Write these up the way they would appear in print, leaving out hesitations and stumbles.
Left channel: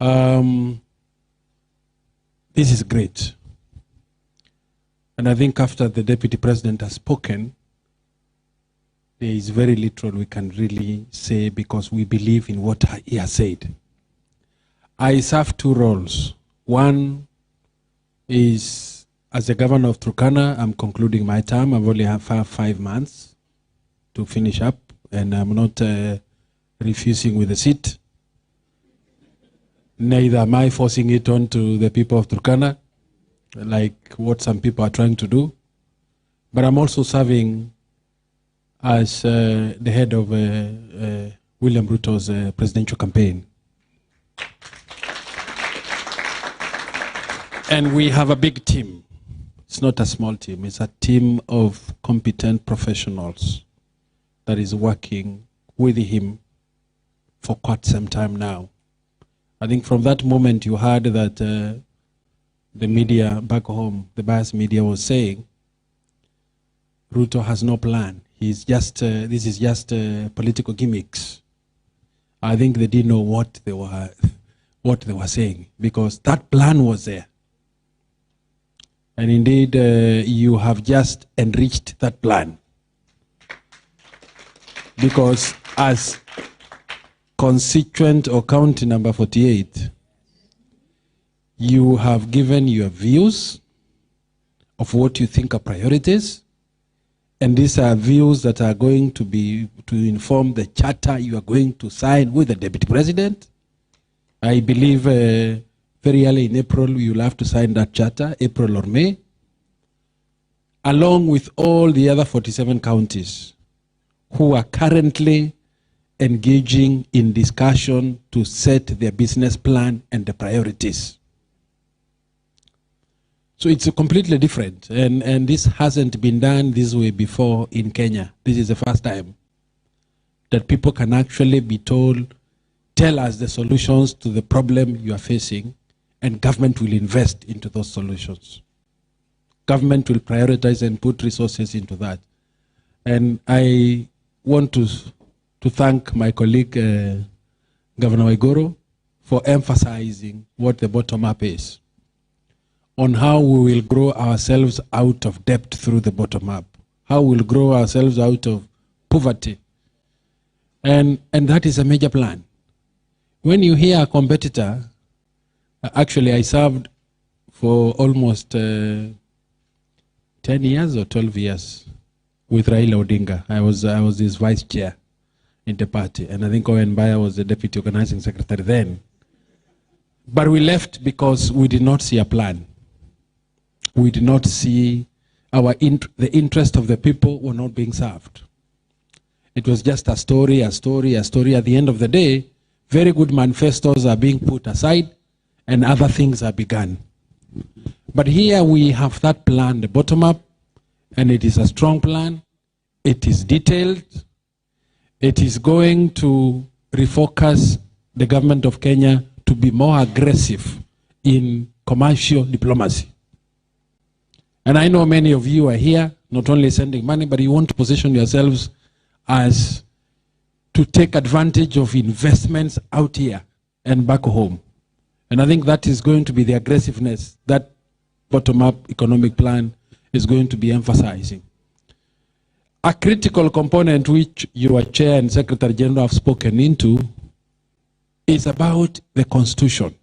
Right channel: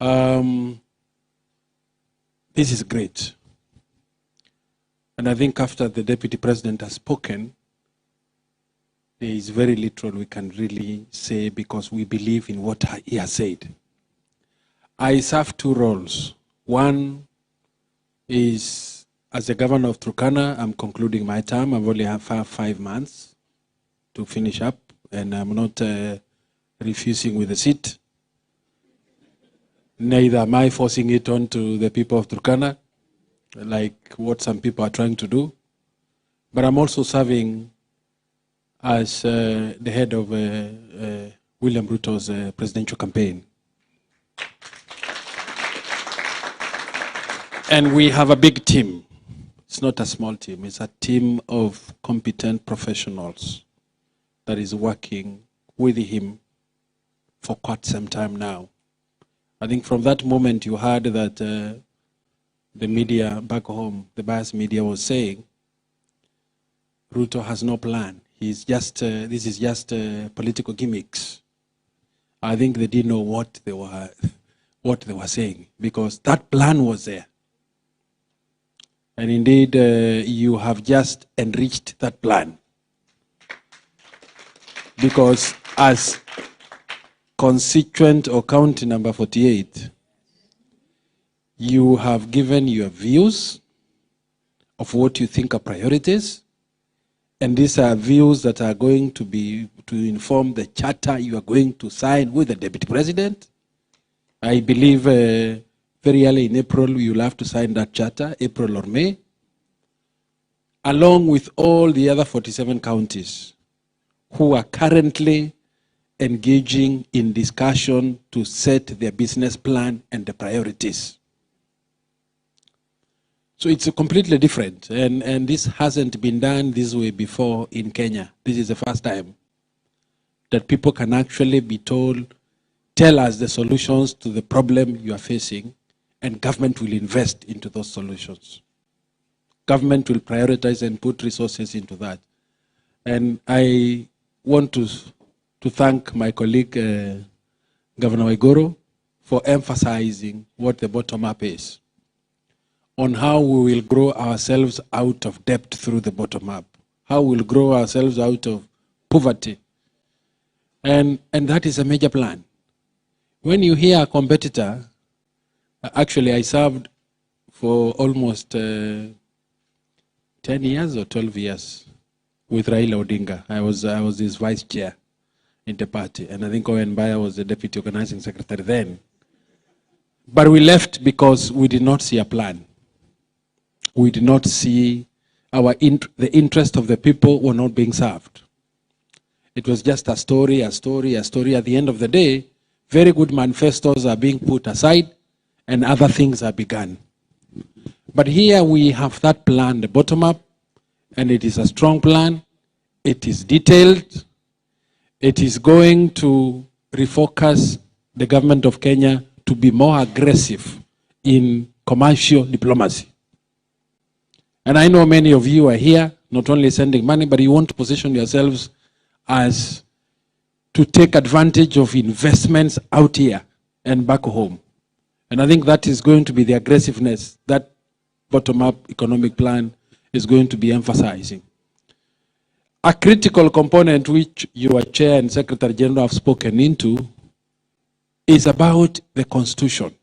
This is great. And I think after the Deputy President has spoken, there is very little we can really say because we believe in what he has said. I serve two roles. One is as the governor of Turkana. I'm concluding my term. I've only have 5 months to finish up, and I'm not refusing with the seat. Neither am I forcing it on to the people of Turkana, like what some people are trying to do. But I'm also serving as the head of William Ruto's presidential campaign. And we have a big team. It's not a small team. It's a team of competent professionals that is working with him for quite some time now. I think from that moment you heard that the media back home, the biased media was saying, Ruto has no plan. He's just, this is just political gimmicks. I think they didn't know what they were saying, because that plan was there. And indeed, you have just enriched that plan. Because as constituent or county number 48, you have given your views of what you think are priorities, and these are views that are going to be to inform the charter you are going to sign with the Deputy President. I believe very early in April you'll have to sign that charter, April or May, along with all the other 47 counties who are currently engaging in discussion to set their business plan and the priorities. So it's completely different, and this hasn't been done this way before in Kenya. This is the first time that people can actually be told, tell us the solutions to the problem you are facing, and government will invest into those solutions. Government will prioritize and put resources into that. And I want to thank my colleague, Governor Waiguru, for emphasizing what the bottom-up is, on how we will grow ourselves out of debt through the bottom-up, how we'll grow ourselves out of poverty. And that is a major plan. When you hear a competitor, actually I served for almost 10 years or 12 years with Raila Odinga. I was his vice chair in the party, and I think Owen Baya was the deputy organizing secretary then. But we left because we did not see a plan. We did not see the interest of the people were not being served. It was just a story, a story, a story. At the end of the day, very good manifestos are being put aside and other things are begun. But here we have that plan, the bottom up, and it is a strong plan. It is detailed. It is going to refocus the government of Kenya to be more aggressive in commercial diplomacy. And I know many of you are here, not only sending money, but you want to position yourselves as to take advantage of investments out here and back home. And I think that is going to be the aggressiveness that bottom-up economic plan is going to be emphasizing. A critical component which your chair and Secretary General have spoken into is about the Constitution.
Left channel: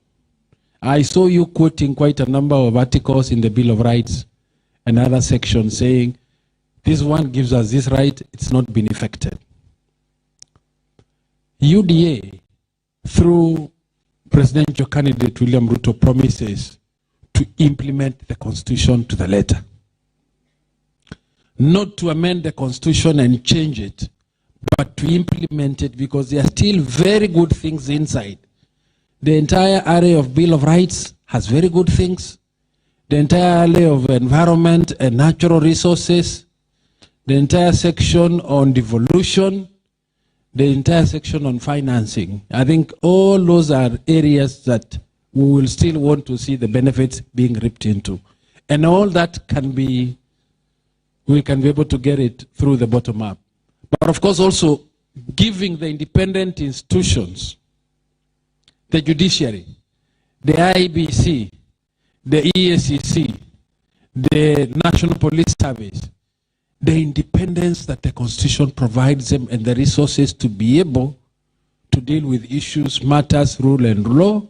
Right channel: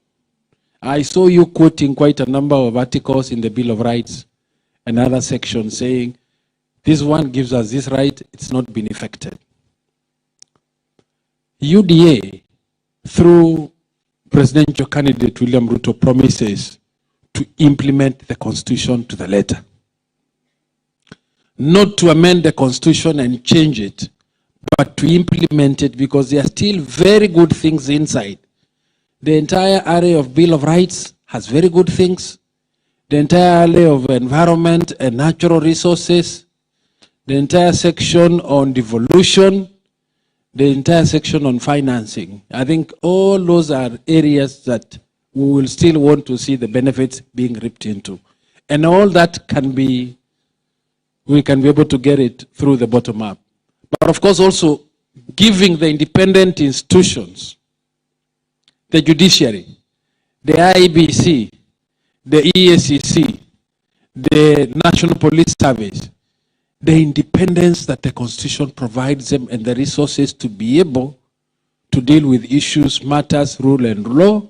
I saw you quoting quite a number of articles in the Bill of Rights and other sections saying, this one gives us this right, it's not been effected. UDA, through presidential candidate William Ruto, promises to implement the Constitution to the letter. Not to amend the Constitution and change it, but to implement it, because there are still very good things inside. The entire area of Bill of Rights has very good things. The entire area of environment and natural resources, the entire section on devolution, the entire section on financing. I think all those are areas that we will still want to see the benefits being reaped into. And all that can be, we can be able to get it through the bottom up. But of course also giving the independent institutions, the judiciary, the IBC, the EACC, the National Police Service, the independence that the Constitution provides them and the resources to be able to deal with issues, matters, rule and law,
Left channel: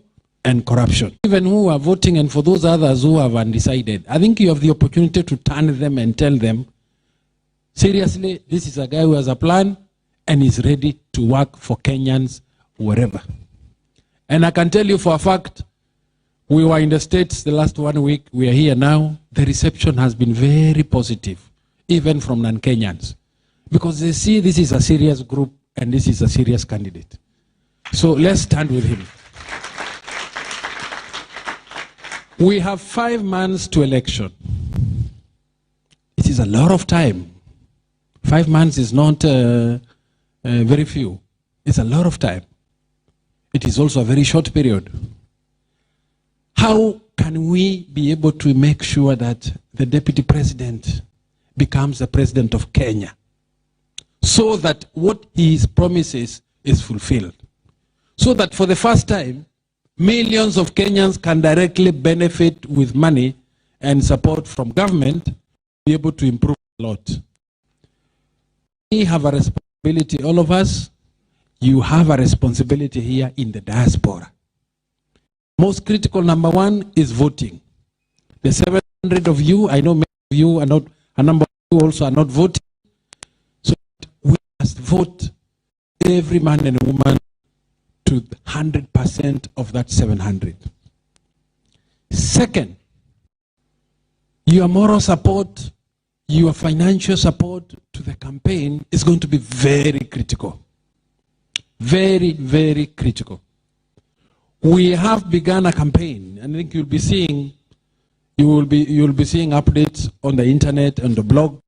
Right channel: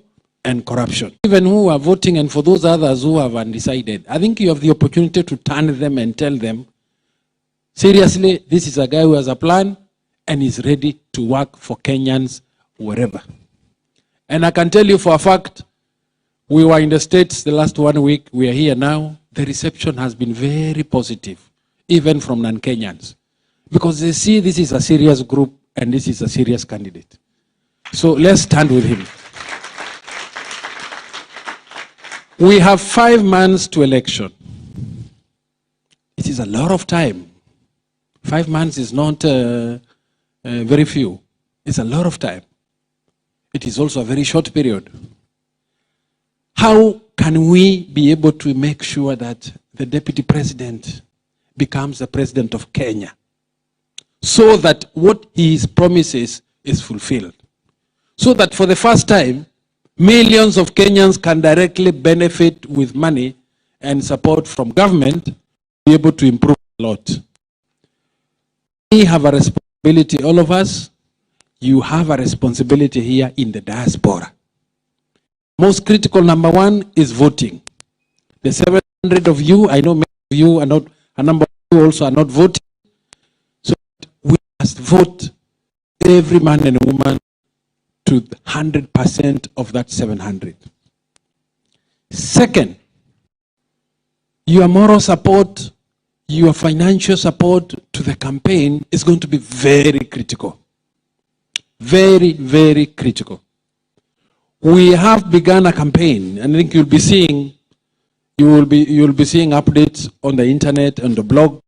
and corruption. Even who are voting, and for those others who have undecided, I think you have the opportunity to turn them and tell them, seriously, this is a guy who has a plan and is ready to work for Kenyans wherever. And I can tell you for a fact, we were in the States the last 1 week, we are here now. The reception has been very positive, even from non-Kenyans, because they see this is a serious group and this is a serious candidate. So let's stand with him. We have 5 months to election. It is a lot of time. 5 months is not very few. It's a lot of time. It is also a very short period. How can we be able to make sure that the deputy president becomes the president of Kenya, so that what he promises is fulfilled? So that for the first time, millions of Kenyans can directly benefit with money and support from government to be able to improve a lot. We have a responsibility, all of us. You have a responsibility here in the diaspora. Most critical, number one, is voting. The 700 of you, I know many of you are not, a number of you also are not voting. So we must vote, every man and woman, to 100% of that 700. Second, your moral support, your financial support to the campaign is going to be very critical. Very, very critical. We have begun a campaign, and I think you'll be seeing updates on the internet and the blog,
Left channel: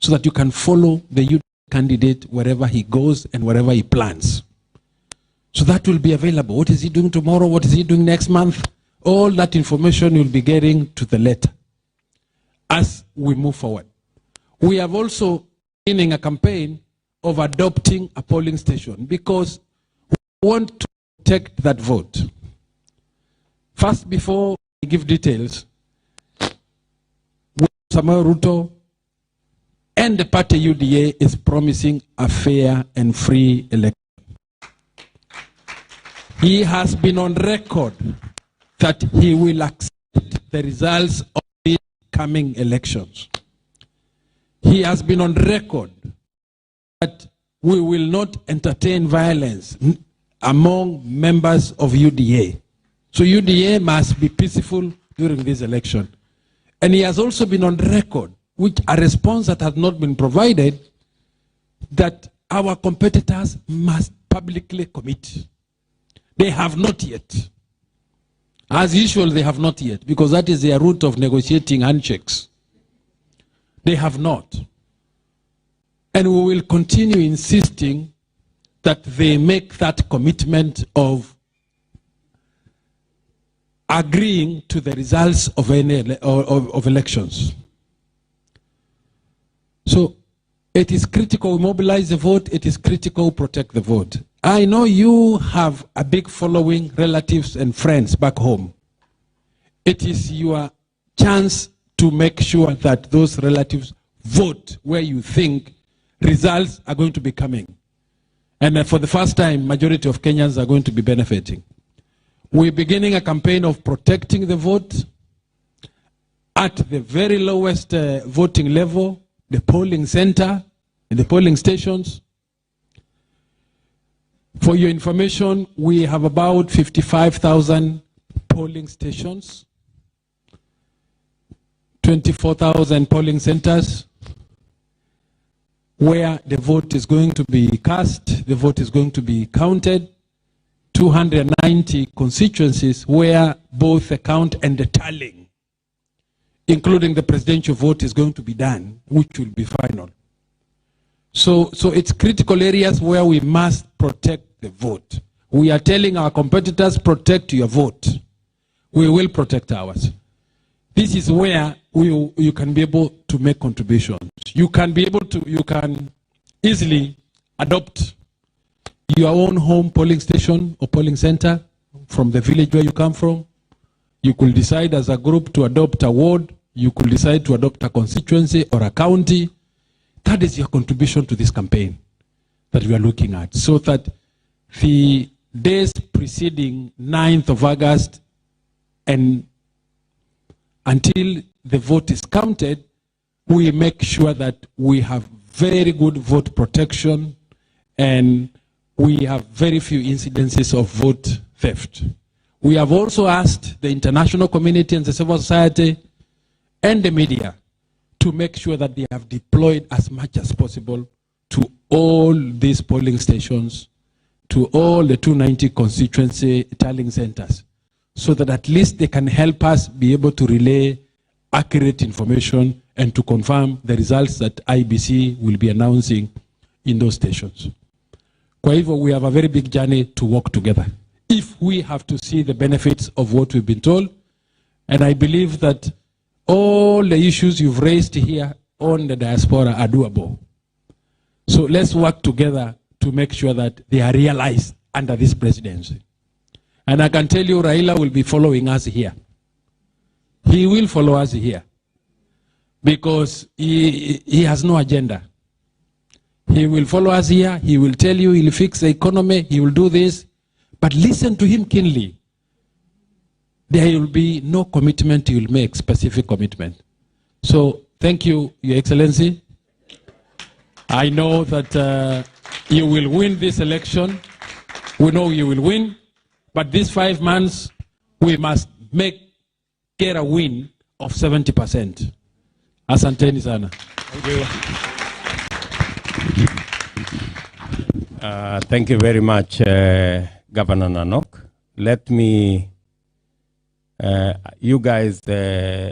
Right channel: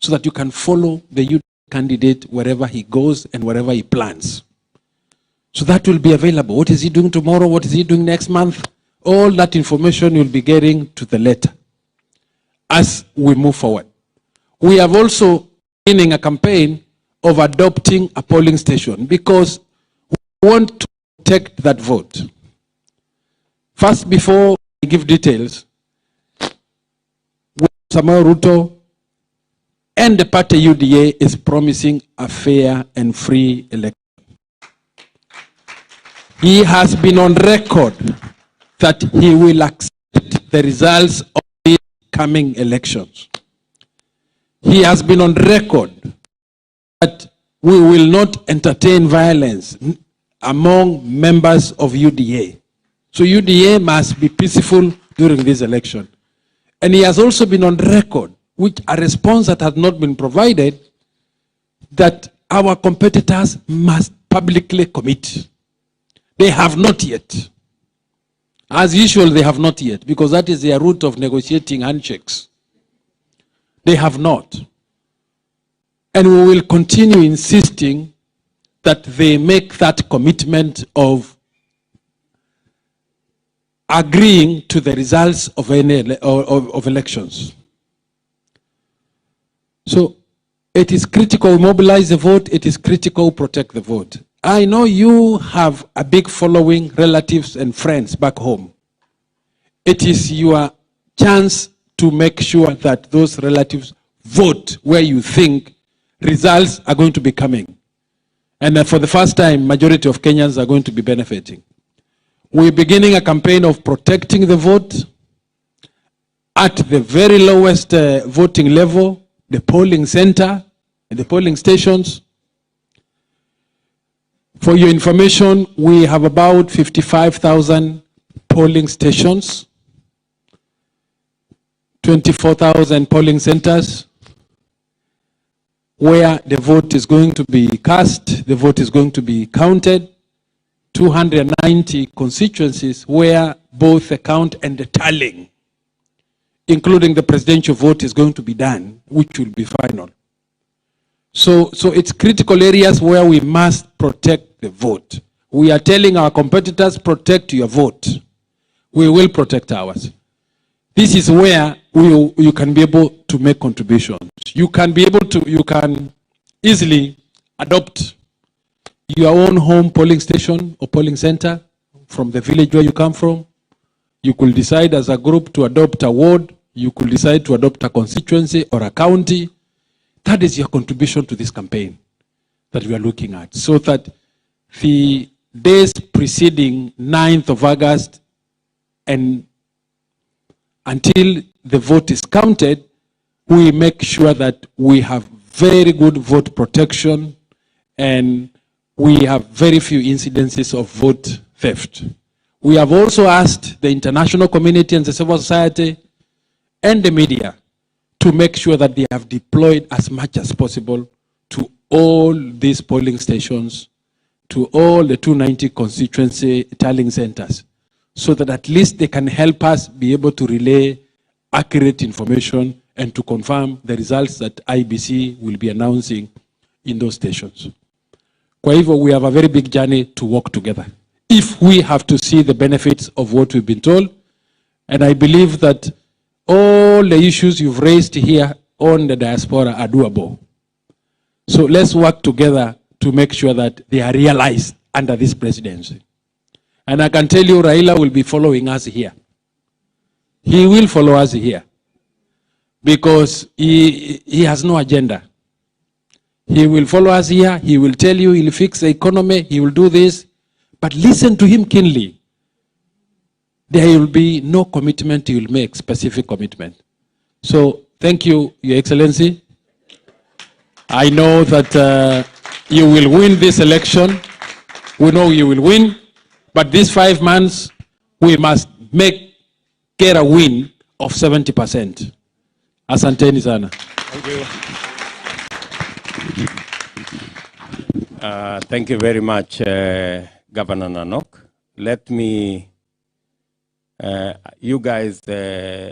so that you can follow the youth candidate wherever he goes and wherever he plans. So that will be available. What is he doing tomorrow? What is he doing next month? All that information you'll be getting to the letter as we move forward. We have also beginning a campaign of adopting a polling station, because we want to protect that vote. First, before I give details, Samuel Ruto and the party UDA is promising a fair and free election. He has been on record that he will accept the results of these coming elections. He has been on record that we will not entertain violence among members of UDA. So UDA must be peaceful during this election. And he has also been on record, which a response that has not been provided, that our competitors must publicly commit. They have not yet. As usual, they have not yet, because that is their route of negotiating handshakes. They have not. And we will continue insisting that they make that commitment of agreeing to the results of of elections. So it is critical mobilize the vote. It is critical protect the vote. I know you have a big following, relatives and friends back home. It is your chance to make sure that those relatives vote where you think results are going to be coming. And for the first time, majority of Kenyans are going to be benefiting. We're beginning a campaign of protecting the vote at the very lowest voting level, the polling center and the polling stations. For your information, we have about 55,000 polling stations, 24,000 polling centers, where the vote is going to be cast, the vote is going to be counted, 290 constituencies where both the count and the tallying, including the presidential vote, is going to be done, which will be final. So it's critical areas where we must protect the vote. We are telling our competitors, protect your vote. We will protect ours. This is where you can be able to make contributions. You can easily adopt your own home polling station or polling center from the village where you come from. You could decide as a group to adopt a ward. You could decide to adopt a constituency or a county. That is your contribution to this campaign that we are looking at. So that the days preceding 9th of August and until the vote is counted, we make sure that we have very good vote protection and we have very few incidences of vote theft. We have also asked the international community and the civil society and the media to make sure that they have deployed as much as possible to all these polling stations, to all the 290 constituency tallying centers, so that at least they can help us be able to relay accurate information and to confirm the results that IBC will be announcing in those stations. Kwa hivyo, we have a very big journey to work together if we have to see the benefits of what we've been told. And I believe that all the issues you've raised here on the diaspora are doable. So let's work together to make sure that they are realized under this presidency. And I can tell you, Raila will be following us here. He will follow us here because he has no agenda. He will follow us here. He will tell you he'll fix the economy. He will do this. But listen to him keenly. There will be no commitment he will make, specific commitment. So thank you, Your Excellency. I know that you will win this election. We know you will win. But these 5 months, we must get a win of 70%. Asanteni sana. Thank you. Thank you very much, Governor Nanok. Let me, you guys,